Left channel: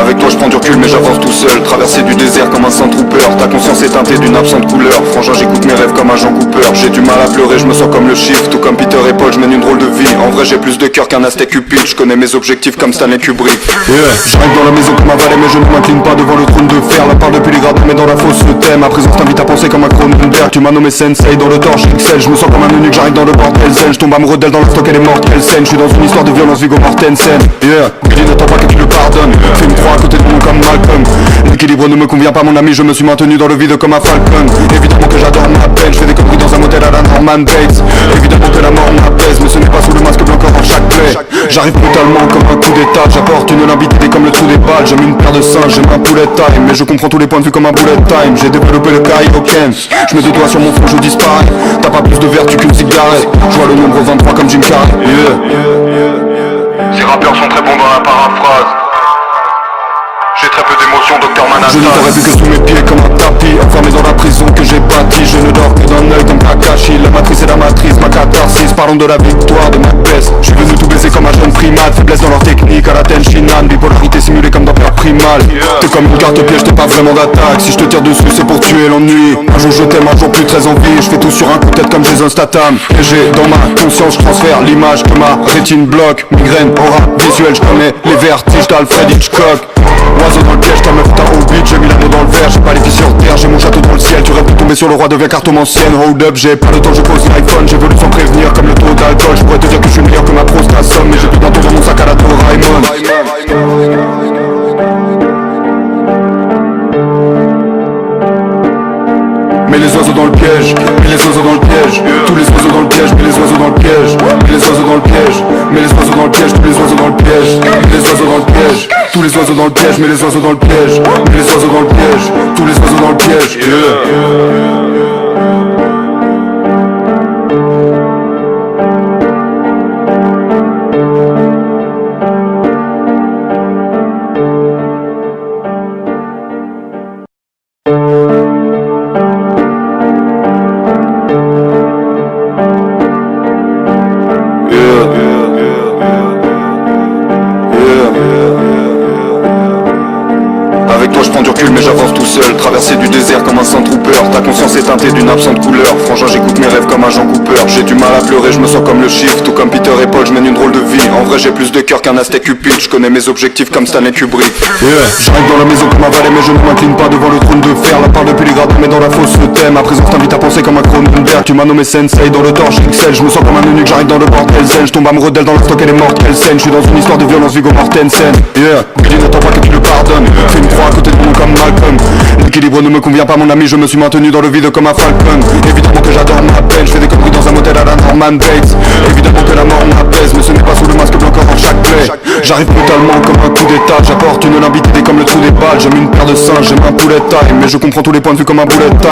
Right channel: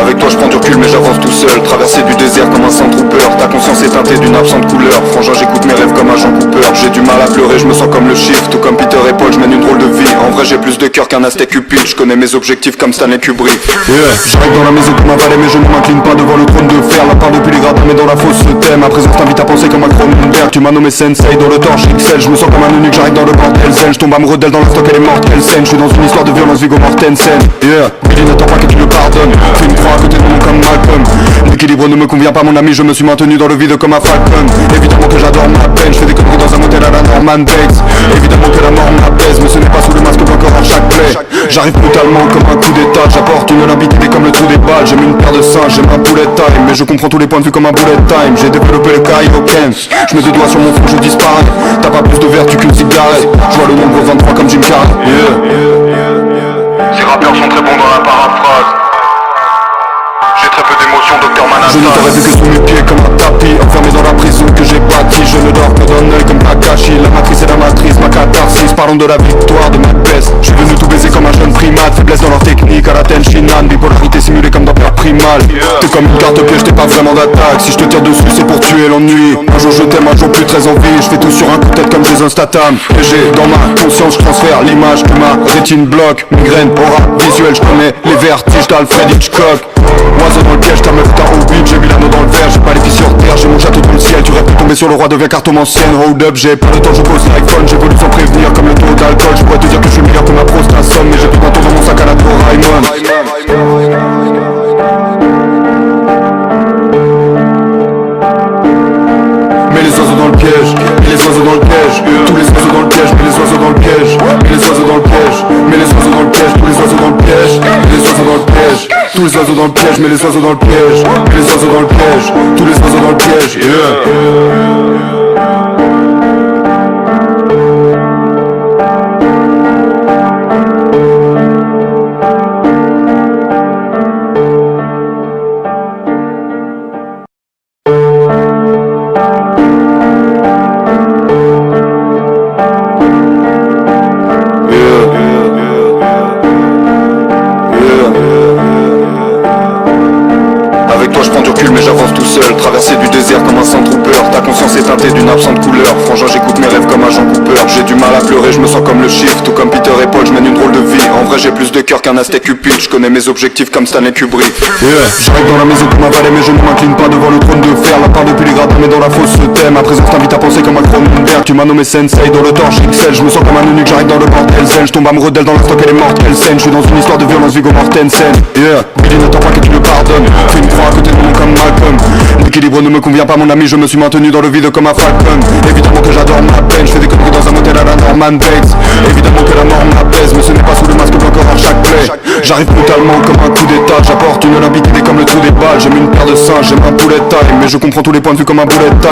Avec toi je prends du recul mais j'avance tout seul. Traverser du désert comme un Sandtrooper. Ta conscience est teintée d'une absente couleur. Frangin j'écoute mes rêves comme un Jean Cooper. J'ai du mal à pleurer, je me sens comme le Shift. Tout comme Peter et Paul, je mène une drôle de vie. En vrai j'ai plus de cœur qu'un Aztec Cupid. Je connais mes objectifs comme Stanley Kubrick. J'arrive dans la maison comme un valet mais je ne m'incline pas devant le trône de fer. La part depuis les gradins mais dans la fosse le thème. Ma présence t'invite à penser comme un Cronenberg. Tu m'as nommé Sensei dans le torche XL. Je me sens comme un eunuque, j'arrive dans le bordel zen. Je tombe amoureux d'elle dans l'instant qu'elle est morte. Quelle scène, je suis dans une histoire de violence Viggo Mortensen. Billy n'attend pas que tu le pardonnes. Fais une croix à côté de mon nom comme Malcolm. L'équilibre ne me convient pas mon ami, je me suis maintenu dans le vide comme un falcon. Évidemment que j'adore ma peine, je fais des conneries dans un motel à la Norman Bates. Évidemment que la mort m'apaise, mais ce n'est pas sous le masque blanc hors chaque plaie. J'arrive brutalement comme un coup d'état, j'apporte une limpidité comme le trou des balles. J'aime une paire de singes, j'aime un poulet time, mais je comprends tous les points de vue comme un bullet time. J'ai développé le Kaioken, je mets deux doigts sur mon front, je disparais. T'as pas plus de vertu qu'une cigarette, je vois le nombre 23 comme Jim Carrey. Ces rappeurs sont très bons dans la paraphrase. J'ai très peu d'émotions, Docteur Manhattan. Je ne t'aurais vu que sous mes pieds comme un tapis, enfermé dans la prison que j'ai bâtie. Je ne dors que d'un œil comme Kakashi. La matrice est la matrice, ma catharsis. Parlons de la victoire de Macbeth. Je suis venu tout baiser comme un jeune primate. Faiblesse dans leur technique, à la Tenshinhan. Bipolarité simulée comme dans Père Primal. T'es comme une carte piège, t'es pas vraiment d'attaque. Si je te tire dessus c'est pour tuer l'ennui. Un jour je t'aime, un jour plus très envie. Je fais tout sur un coup de tête comme Jason Statham. Et j'ai dans ma conscience, je transfère l'image que ma rétine bloque. Migraine, aura, visuel, je connais les vertiges d'Alfred Hitchcock. Oiseau dans le piège, ta meuf est un hobbit. J'ai mis l'anneau dans le verre, j'ai pas les filles sur terre. J'ai mon château dans le ciel, tu rêves de tomber sur le roi, deviens cartomancienne. Hold up, j'ai pas le temps, je pose l'iPhone. J'évolue sans prévenir comme le taux d'alcool. Je pourrais te dire que je suis meilleur que ma prostasomme, mais j'ai plus d'un tour dans mon sac à la Doraemon. Mets les oiseaux dans le piège, mets les oiseaux dans le piège. Tous les oiseaux dans le piège, mets les oiseaux dans le piège. Mets les oiseaux dans le piège, mets les oiseaux dans le piège. Tous les oiseaux dans le piège, mets les oiseaux dans le piège. Tous les oiseaux dans le piège, mets les oiseaux dans le piège. Mets les oiseaux dans le piège, tous les oiseaux dans le piège. Avec toi je prends du recul mais j'avance tout seul. Traverser du désert comme un Sandtrooper. Ta conscience est teintée d'une absente couleur. Frangin j'écoute mes rêves comme un Jean Cooper. J'ai du mal à pleurer, je me sens comme le Shift. Tout comme Peter et Paul, je mène une drôle de vie. En vrai j'ai plus de cœur qu'un Aztec Cupid. Je connais mes objectifs comme Stanley Kubrick. J'arrive dans la maison comme un valet mais je ne m'incline pas devant le trône de fer. La part depuis les gradins mais dans la fosse le thème. Ma présence t'invite à penser comme un Cronenberg. Tu m'as nommé Sensei dans le torche XL. Je me sens comme un eunuque, j'arrive dans le bordel zen. Je tombe amoureux d'elle dans l'instant qu'elle est morte. Quelle scène, je suis dans une histoire de violence Viggo Mortensen. Billy n'attend pas que tu le pardonnes. Fais une croix à côté de mon nom comme Malcolm. L'équilibre ne me convient pas mon ami, je me suis maintenu dans le vide comme un falcon. Évidemment que j'adore ma peine, je fais des conneries dans un motel à la Norman Bates. Évidemment que la mort m'apaise, mais ce n'est pas sous le masque blanc hors chaque plaie. J'arrive brutalement comme un coup d'état, j'apporte une limpidité comme le trou des balles. J'aime une paire de singes, j'aime un poulet time, mais je comprends tous les points de vue comme un bullet time.